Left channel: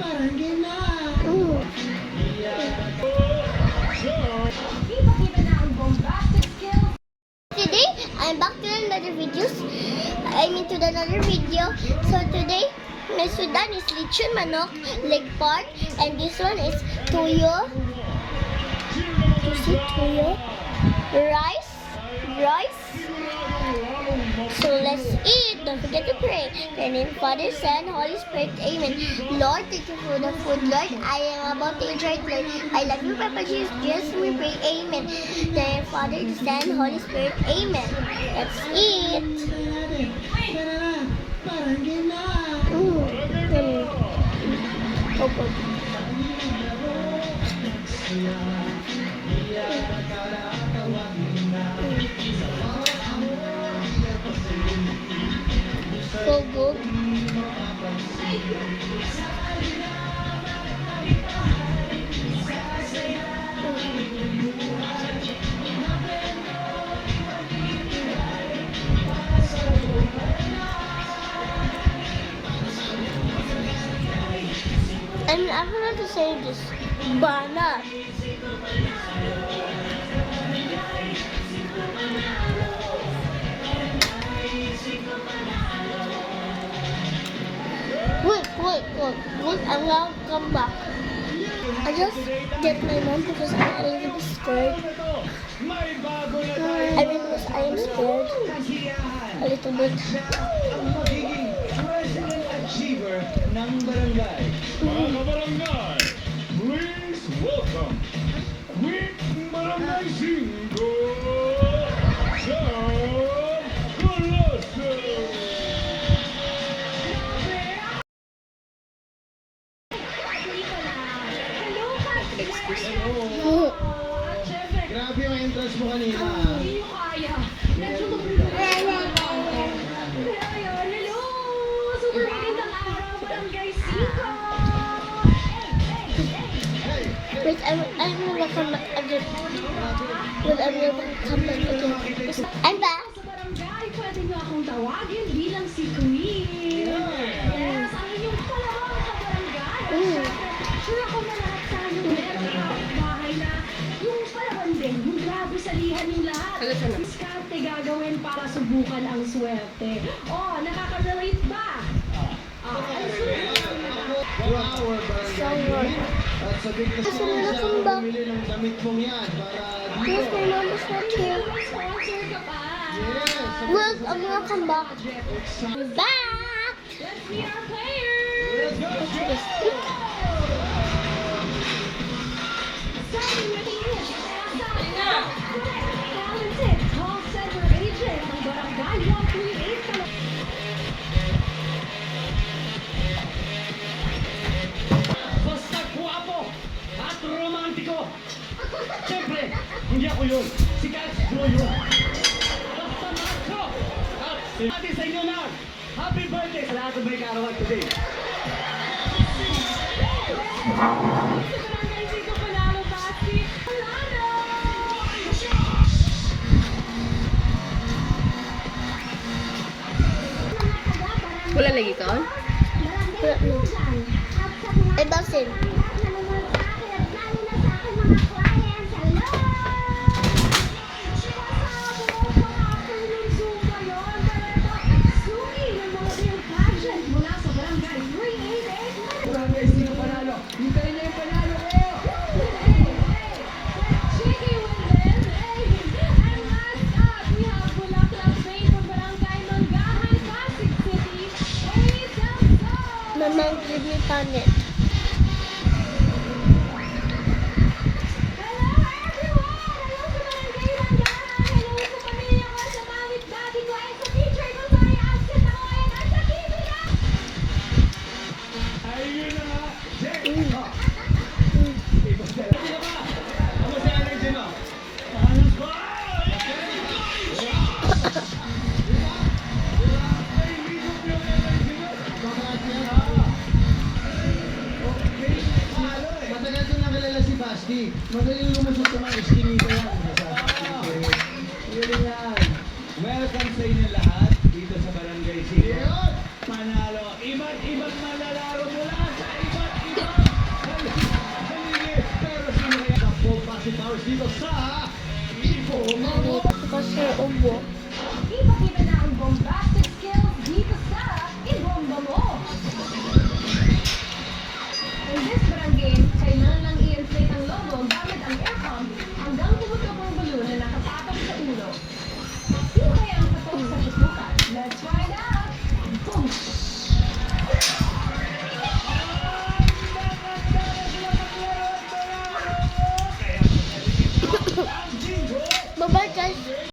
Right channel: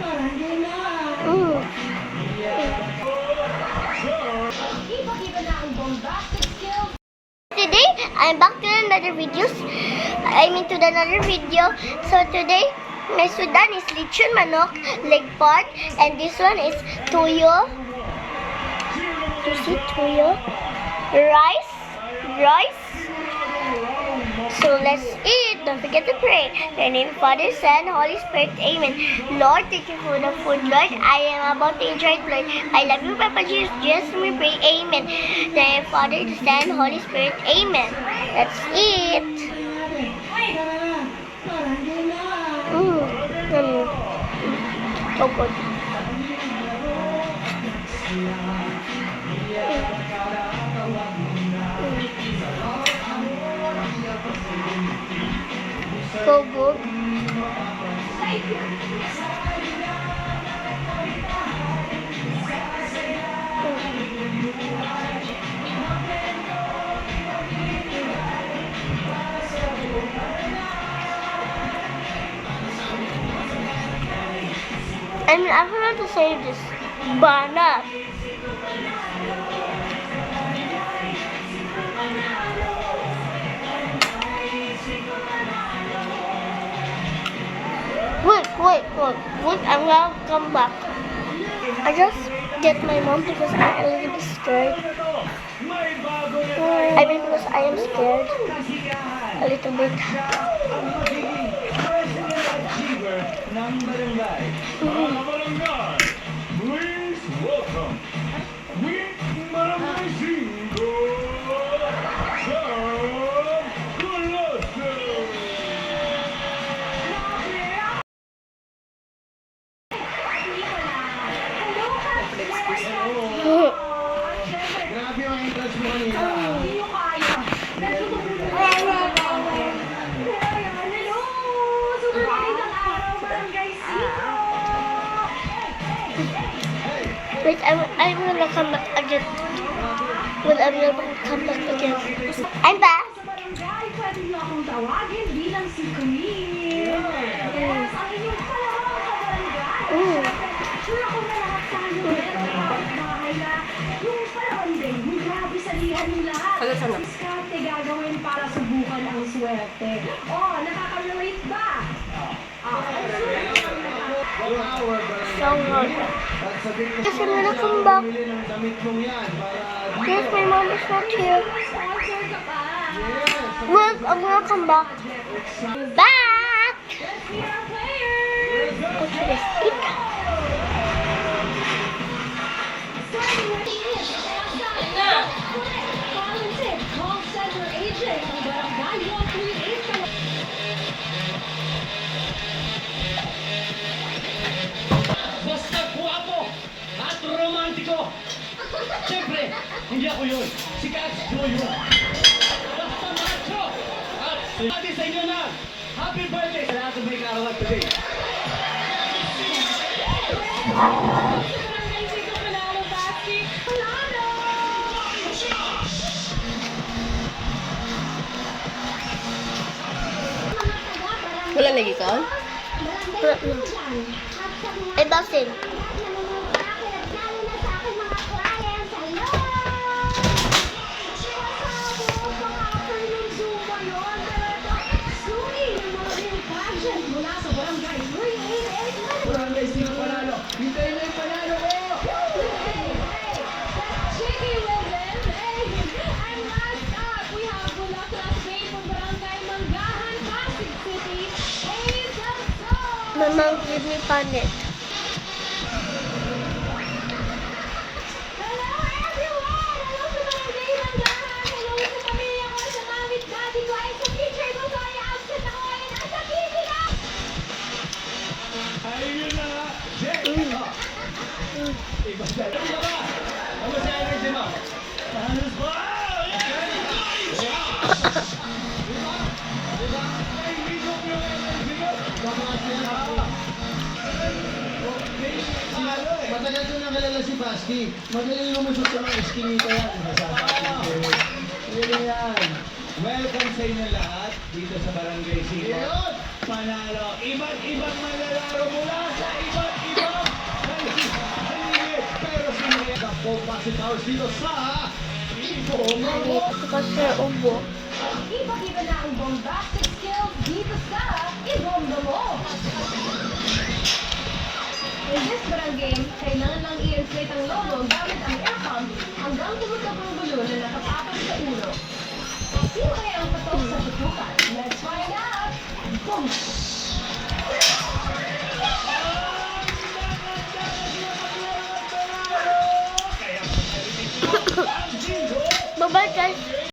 Today, I'm back to another videos. To another video. So today, my sudan is lechon manok, leg part, and this one is tuyo. Is it tuyo? Rice. So let's eat. Don't forget to pray. In the name of Father, Son, Holy Spirit. Amen. Lord, thank you for the food, Lord. I am about to enjoy it, Lord. I love you, Papa Jesus. Just we pray. Amen. In the name of Father, Son, Holy Spirit. Amen. Let's eat. So good. So good. I forgot to say this. Banana. Wait, I'm gonna come back. I just get my mom because I'm a little bit scared. Because I am scared. A little bit. Please welcome Barangay Cinco, grabe yung entrance mo kanina. Wait, I'm gonna come back again. I'm gonna come back again. I'm back. Pwede niyo akong tawagin bilang si Queen. Yes, ang inyong palawang sa barangay. Sure ako na lahat tayo meron ng bahay na yung palawan din, yung grabe salihan yung lahat. Diskarte gagawin para subukan ang swerte. Oh, nakaka-relate ba? So hard. Yes, I'm gonna come back. Yes, my mom is not here. Sponsor ka pa. Look, I'm gonna come back. Back! Let's meet our players. Go to the stick. Starting with talented call center agent ng Barangay 138. Basta guwapo at romantiko. Siyempre, hindi ako yun. Si Cash Joe yun. Basta macho at sabi sa inyo na, happy birthday sa lahat ng may kaarawan today. Wala lagi ka? Ay, basin. Barangay Sino panalo. Hintayin na yung panalo ko. My mom gave me panet. Ayun na nga. Iba siya. Ano ba? Ano si energy mo? Ano ba? Matagal ko nakilala si Basti. Magaling lumusot sa mga iskinita yan. Magaling yan. Welcome sa inyo lahat dito sa Barangay Sino. Panalo. Iba't ibang malalaro mula sa iba't ibang si Towers dito sa Ibon. Kasi ubo. Ipakita na ang bombastic skills dito sa Ibombomo. In this barang game, kailangan lang i-inflate ang logo